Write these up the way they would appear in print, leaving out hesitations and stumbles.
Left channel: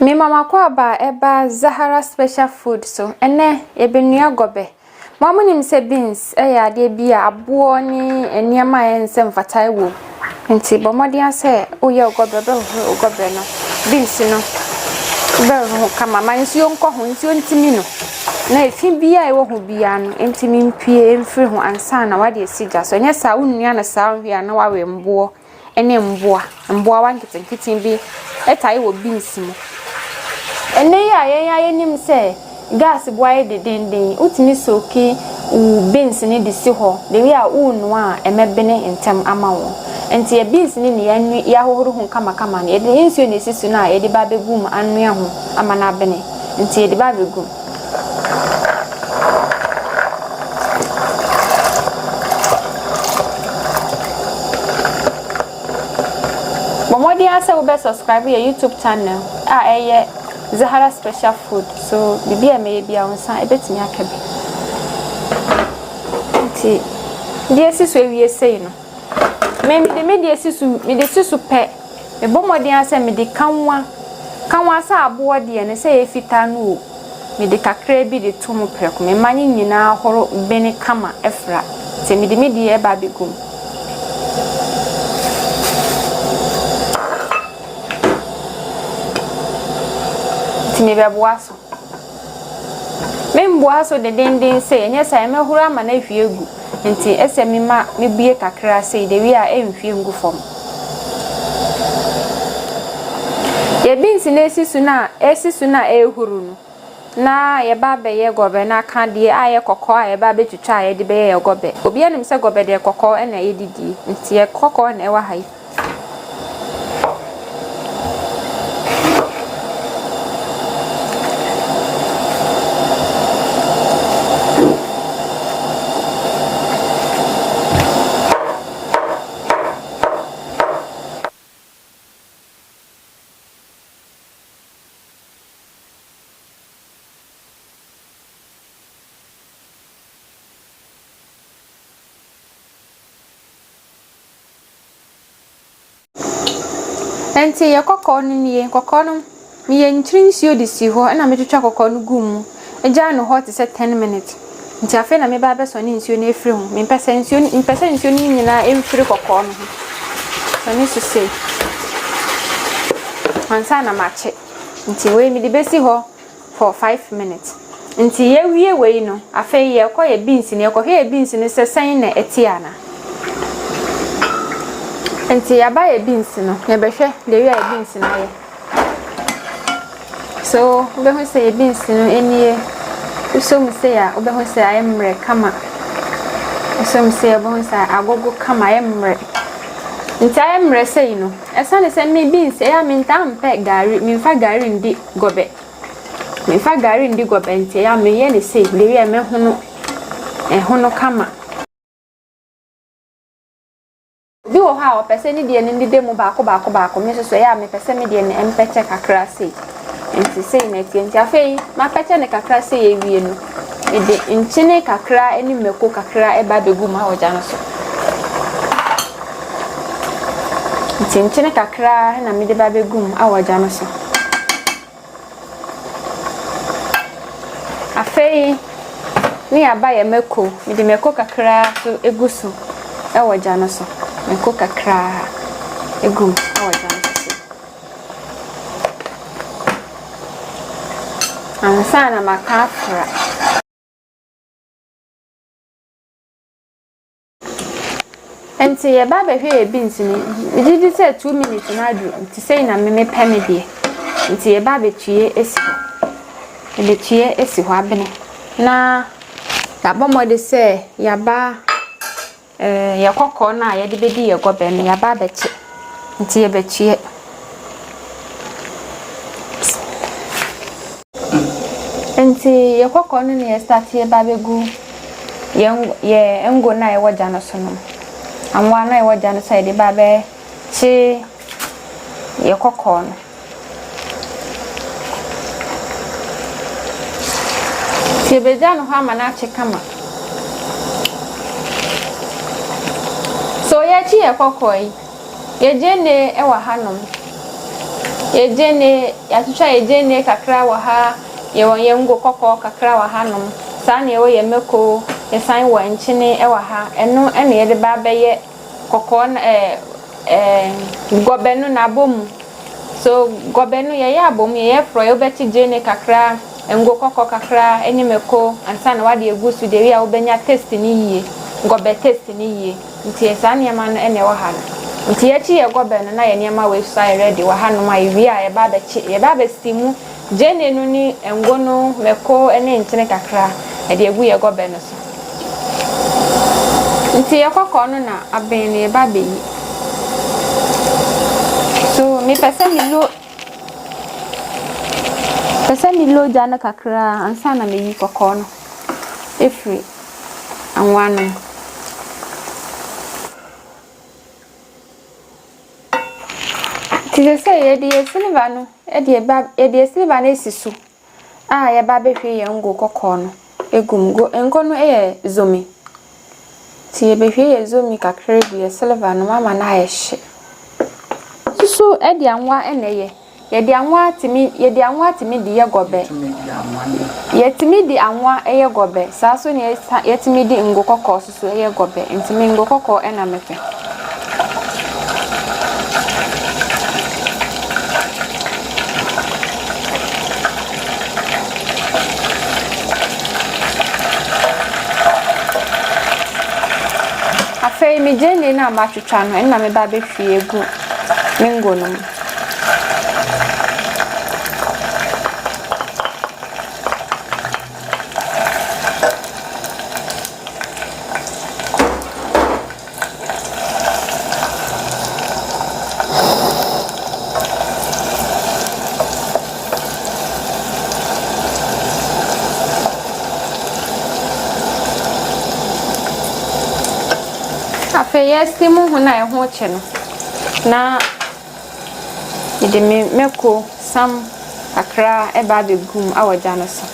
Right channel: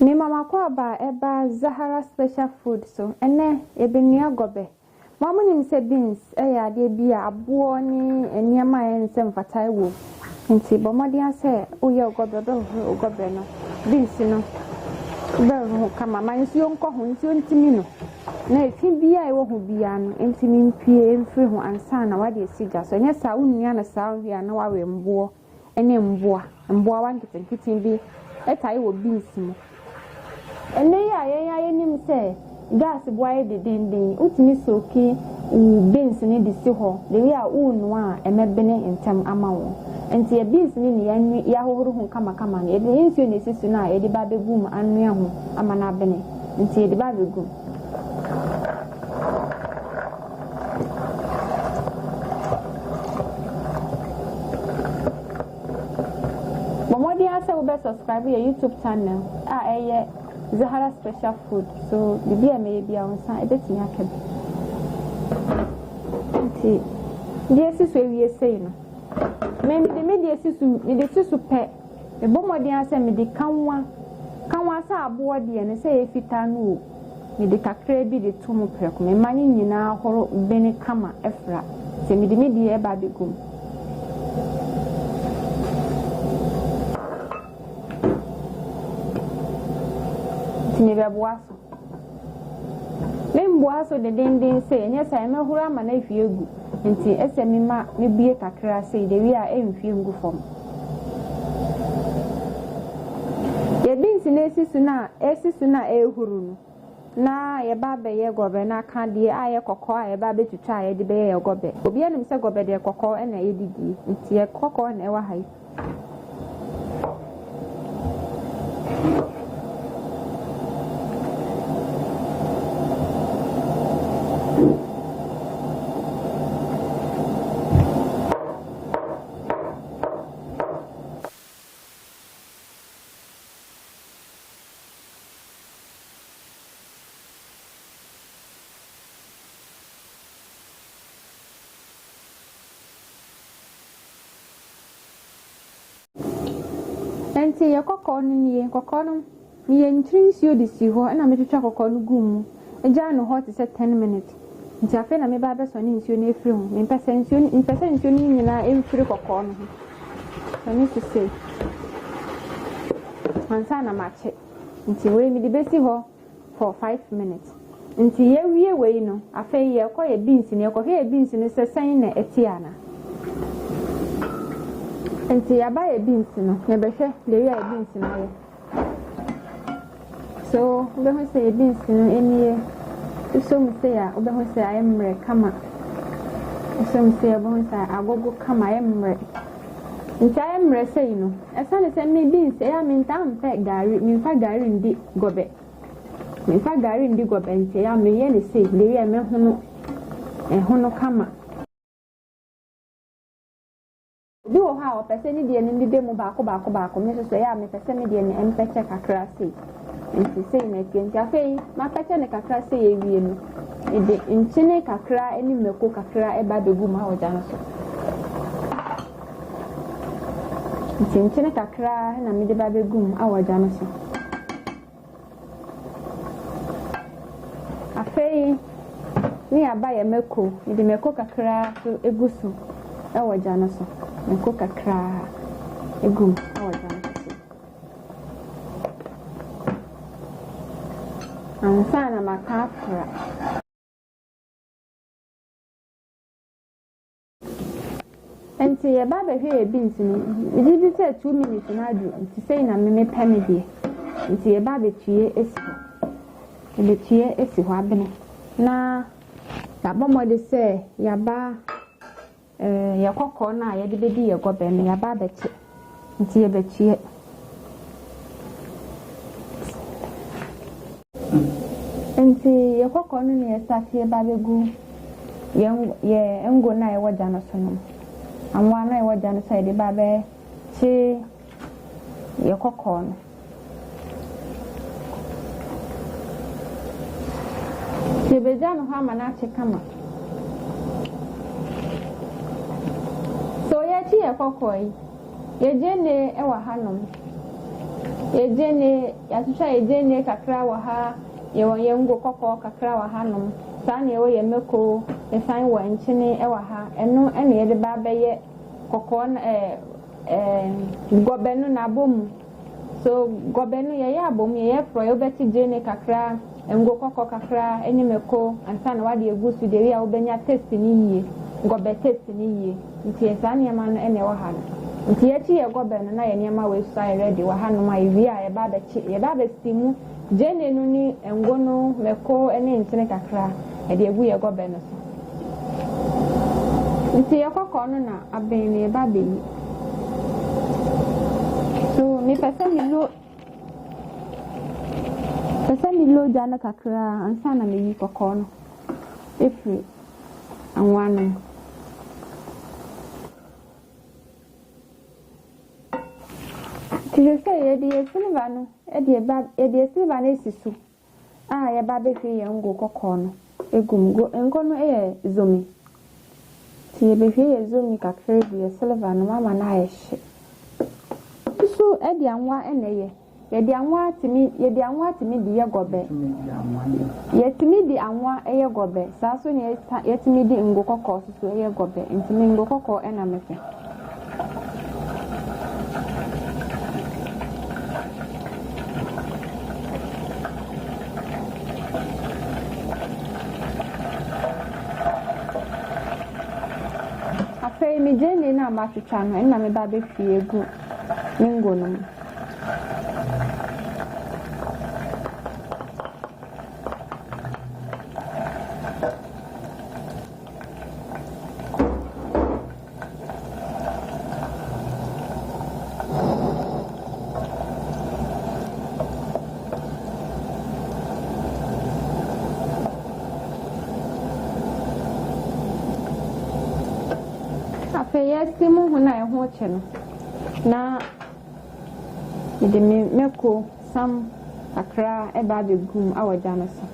Me mama kwa ba eba Zahara special food so ene ebenua gobe. Mama nim se beans ya ade bia abo ni eniama ense mfatai wo. Nti bomodi ase oye gobe be ho gobe no. Beans no be ho kama mansuo nko ho nsuo ntimi no. Na efi bia e wo ho bia no ntimi mpie emfiri ho ansa na wade esija so nya sa unua na sa hwia na wawe mbo ene mboa wanketenkete bi etai wo beans mo. Ene ya nim se gas boy de denden utimi soki beans ni de si ho de wi a unu a emebene ntem ama wo enti e beans ni ya hohoro hu kama na de nsuo ne sisu na ye de ba begum anu ya ho ama na bene enti ye de ba begum Momodi asa wo be subscribe your YouTube channel eye Zahara special food so bibi ame bia onsan ebetimi akabe nti die sisu ewie sei no me die sisu pe me bomodi asa me de kanwa sa abo de ne se efita no me de kakra bi de tomu preko me manye nyina horo bene kama efra se me de e ba begum me be boaso me mboaso de denden se enye sai me huru ama na hwie gu nti ese me ma me bie kakra se de wi a emhwie ngu fom ye beans na esisu na ehuru no na ye ba be ye gobe na ka de aye kokko aye ba be twitwa aye de be ye gobe obi anim se gobe de kokko na ye didi nti ye kokko na e wa hai Enti ye kokko ni kokko no me ye ntrinsuo de si ho na me twetwa kokko no gum eja no hot se 10 minutes nti afa na me ba be so ni nsuo na efiri ho me pese nsuo ni nyina emfiri kokko no ho so ni so sei ansa na mache nti we me de besi ho for 5 minutes nti ye wie we no afa ye koye beans ni ye beans ni se sen na etiana enti ya ba ye beans no ye behwe de wi ya beans na ye so be ho say beans no enie usom say ya be ho say ayemre kama usom say be ho say agogo kama ayemre nti ayemre say no esa ne say me beans ya me ntam pe gari me fa gari ndi gobe nti ya me ye ne say de wi ya me hono kama bi wo ha o pese ni de ni de mu baako me so ya me pese me de ne empeche kakra sei nti sei na ti afei ma peche ne kakra sei ewie no e de nchine kakra eni meko kakra e ba begu ma oja no so nchine kakra na me de ba begu ma oja no so afei ni aba ye meko me de meko kakra so egusu e oja no so meko kakra egum awajan sisi ansana makafra enti ye ba be hwe beans ni didi say 2 minutes na adu nti say na me peme de nti ye ba be tue esi ho abene na ya bomode say ya ba ye kokko na ye de bedi ye gobe no ya ba beche nti ye bechie nti ye kokko no ne start ye ba begu ye engo na ye waja no so no amwa na ye waja no sai de ba be chi ye kokko no ti beja no ha mana chi kama so ya chi ye kokoi ye jene e wa hanom Ejene yatucha ejene kakra wa ha ye won ye ngo kokko kakra wa ha nom sa na ye wo ye meko ye san wa nchine e wa ha eno ene ye de ba be ye kokko na gobe no na bom so gobe no ye ya bom ye fro ye beti jene kakra ngo kokko kakra enye meko ansa na wa de egusu de wi a wo benya taste ni yie gobe taste ni yie nti ye sa na ma no ene wa ha nti ye chi ye gobe no na ye niam we sai ready wa ha no ma ye wi a ye ba be chi ye ba be stimu jene no ni ngo no meko ene nchine kakra e de egu ye gobe no so nti ye kokko no na aben ye ba be yi so mi pese mi lo jana kakra ansa na me yi kokko no efri anwanu ti say ye de silver no e de silver na esisu ye ba be hwe ye ngo kokko no egumgo engo no e zomi ti ye be hwe ye zomi kakra bi ye silver no mama na ye hye so e de anwa eneye ye de anwa timi di ye gobe ye timi di anwa ye gobe sa so ne ye timi di ngo kokko so ye gobe ntimi ngo kokko e na mefe afei mi jene na ma twetwa no na me ba be hwie egu mingo no yestimu huna e ho che no na ide meko sam kakra e ba be gum awoja no so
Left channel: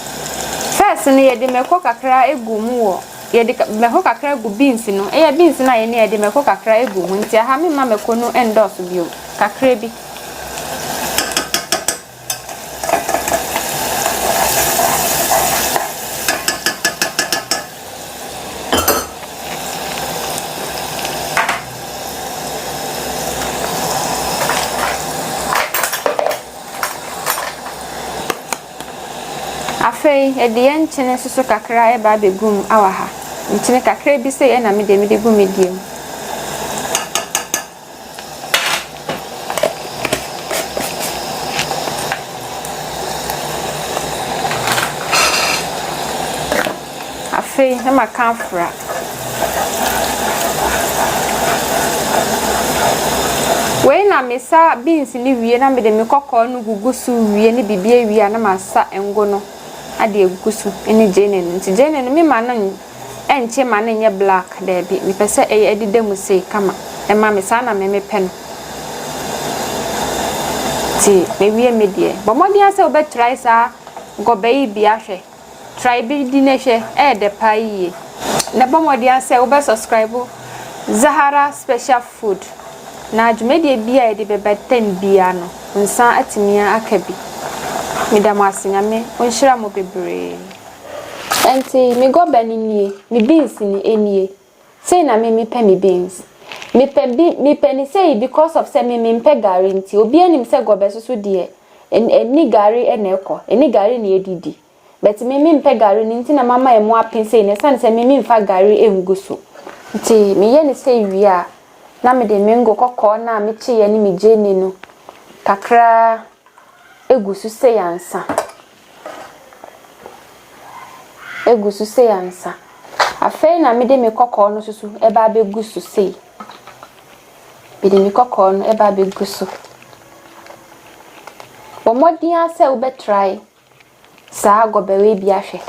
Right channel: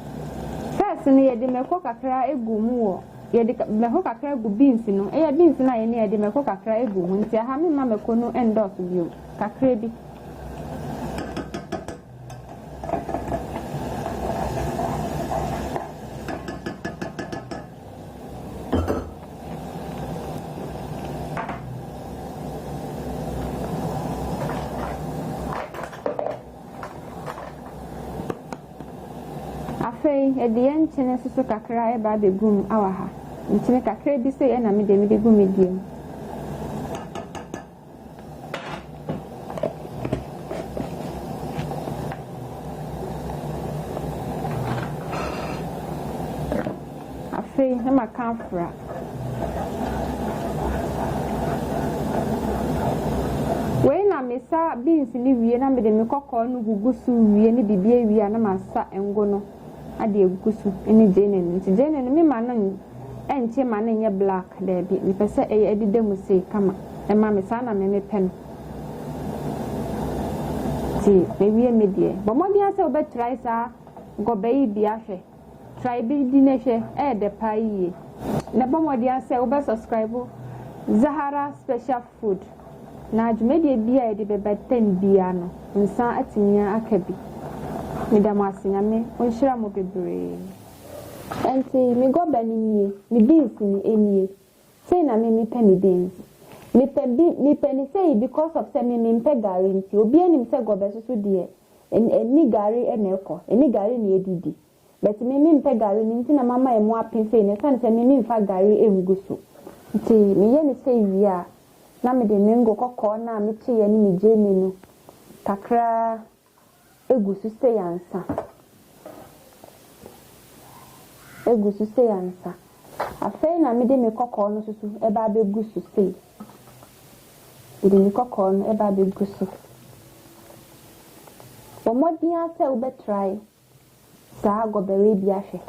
first ne ye de meko kakra egum wo ye de meko kakra gu beans no e beans na ye ne ye de meko kakra egum nti ha me ma meko no endorse bio kakra bi afei e de enchine susu kakra e ba be gum awaha nchine kakra bi se e na me de gum mediem afei na makanfra we na mesa beans ni wie na me de me kokko no gugusu wie ni bibie wie na masa engo no ade egusu ene jene nti jene no me ma no enche ma no nye black da bi me pese e edide mu sei kama e ma me sa na me pen ti me wie me die bo modi ase obe try sa GOBE bi ahwe try bi di ne hwe e de pa yi na bo modi ase obe subscribe Zahara special food na adwumede bia e de bebeten bia no nsa atimia akabi midam asinyame onhira mo bebre enti me GOBE ni nie me beans ni enie say na me pe me beans me pe ni say because of say me pe gari nti obi anim say GOBE so de eni gari eneko eni gari ni edidi but me pe gari ni nti na mama e mo apen say ne san say me mfa gari enguso nti me ye ni say wi a na me de mengo kokko na me chi ye ni me jeni no kakra egusu se yansa afei na me de me kokko no susu e ba be gusu sei be de me kokko no e ba be gusu omodi ase wo be try sa GOBE we bi ahwe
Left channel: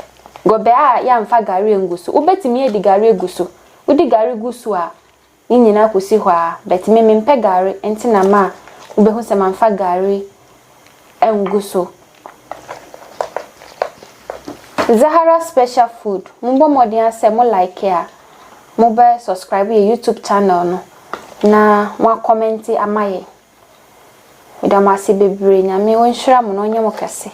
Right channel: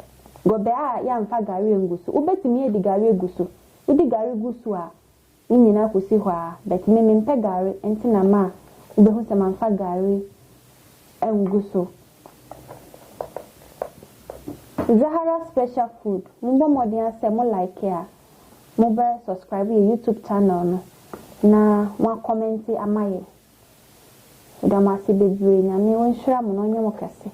GOBE a ya mfa gari engusu wo betimi e di gari egusu wo di gari gusu a nyina kosi ho a bet me mpe gari enti na ma wo be hu se manfa gari engusu Zahara special food mbo modern ase mo like ya mo be subscribe your YouTube channel no na mo comment amaye medamase bebre nyame wonhira mo no nyem kese